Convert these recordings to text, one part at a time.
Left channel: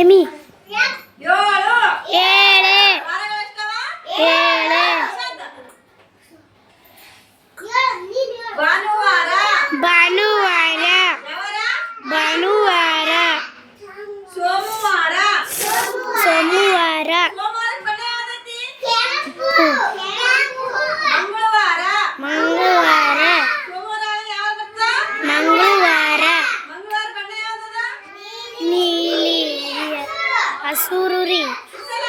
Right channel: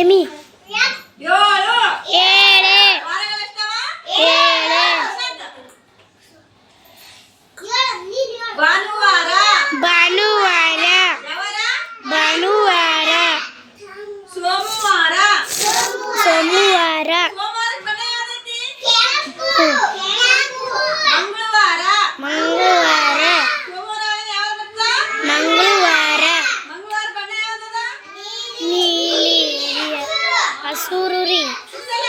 ಎಮಿ ಏಳು ಏಳೆ ವಾರಗಳೆಷ್ಟವ? ಏಳೆ ಭಾನುವಾರ ಭಾನುವಾರ ಯಾವಾರ? ಭಾನುವಾರ ಸೋಮವಾರ ಸೋಮವಾರ ಸೋಮವಾರಕ್ಕೆ ಬಣ್ಣ ಯಾವ್ದೈತಿ? ಮಂಗಳವಾರ ಮಂಗಳವಾರ ಸೋಮವಾರ ಯಾವ್ದು ಬರ್ತಾ? ಮಂಗಳವಾರ ಮಂಗಳವಾರ ಬಣ್ಣ ಯಾವ್ದದ? ನೀಲಿ ಹಸುರು ರೀ ಸಲ.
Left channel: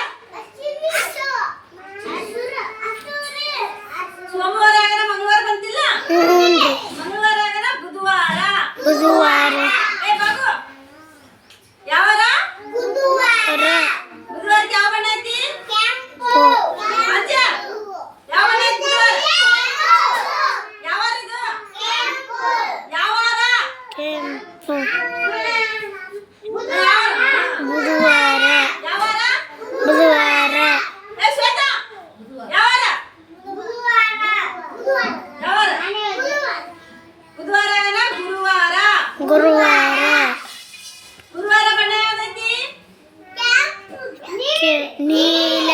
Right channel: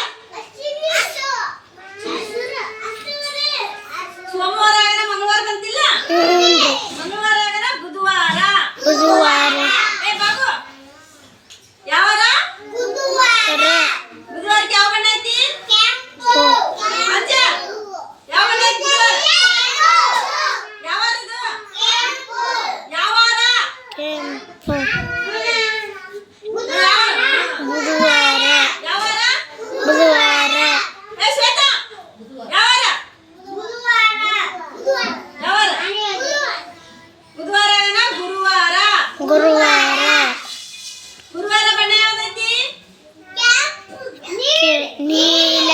ಸೋಮವಾರ ಆಗನ ಮಂಗಳವಾರ ಬಂತಿಲ್ಲ? ಹ್ಞೂ ರೀ ಮಂಗಳವಾರ ಆಗನ ಬುಧವಾರ. ಬುಧವಾರ ಏ ಬಾಬು ಯಾವಾರ? ರ ಬುಧವಾರಕ್ಕೆ ಯಾವ ಬಣ್ಣ ಐತಿ? ಪು ಅಜ್ಜ ಯಾವ ಬಣ್ಣ ಐತಿ ಯಾವಾರ ಇದು? ಯಾವಾರ? ಕೆಂಪು ಯಾವಾರ? ಬುಧವಾರ ಯಾವಾರ? ಬುಧವಾರ ಏ ಶ್ವೇತಾ ಯಾವಾರ? ಯಾವಾರ? ಬುಧವಾರ ಆಗನ ಗುರುವಾರ. ಗುರುವಾರ ಗುರುವಾರ ಬಣ್ಣ ಯಾವ್ದೈತಿ? ನೀಲ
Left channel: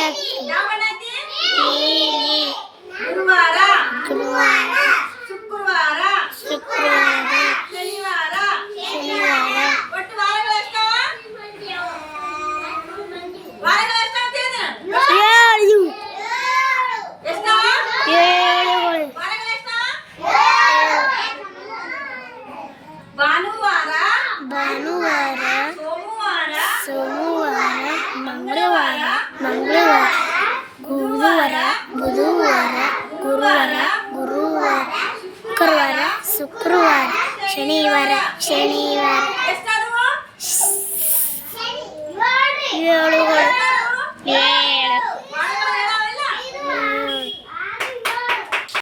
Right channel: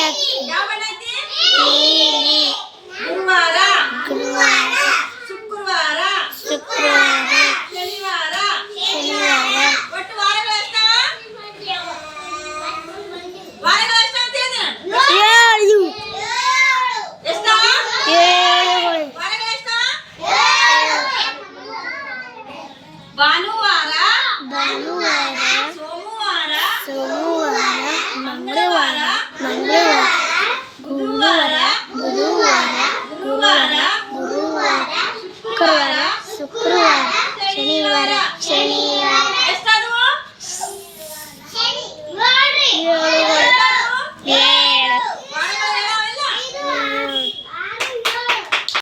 ಯಾವ ಬಣ್ಣ ಐತಿ? ನೀಲಿ ಗುರುವಾರ ಗುರುವಾರ ಶುಕ್ರವಾರ ಶುಕ್ರವಾರ ಶನಿವಾರ ಶನಿವಾರ ಒಟ್ಟು ವಾರಗಳು ಎಷ್ಟವ? ವಾರಗಳು ಎಷ್ಟು ಅಂತ ಹೇಳಿದ? ಏಳು ಎಷ್ಟವ? ಏಳುಗಳು ವಾರಗಳು ಎಷ್ಟವ? ಭಾನುವಾರ ಭಾನುವಾರ ಸೋಮವಾರ ಸೋಮವಾರ ಮಂಗಳವಾರ ಮಂಗಳವಾರ ಗುರುವಾರ ಬುಧವಾರ ಗುರುವಾರ ಗುರುವಾರ ಶುಕ್ರವಾರ ಶುಕ್ರವಾರ ಶನಿವಾರ ಶನಿವಾರ ಎಷ್ಟಾದವು? ಏಳುಗಳು ಎಷ್ಟಾದವು?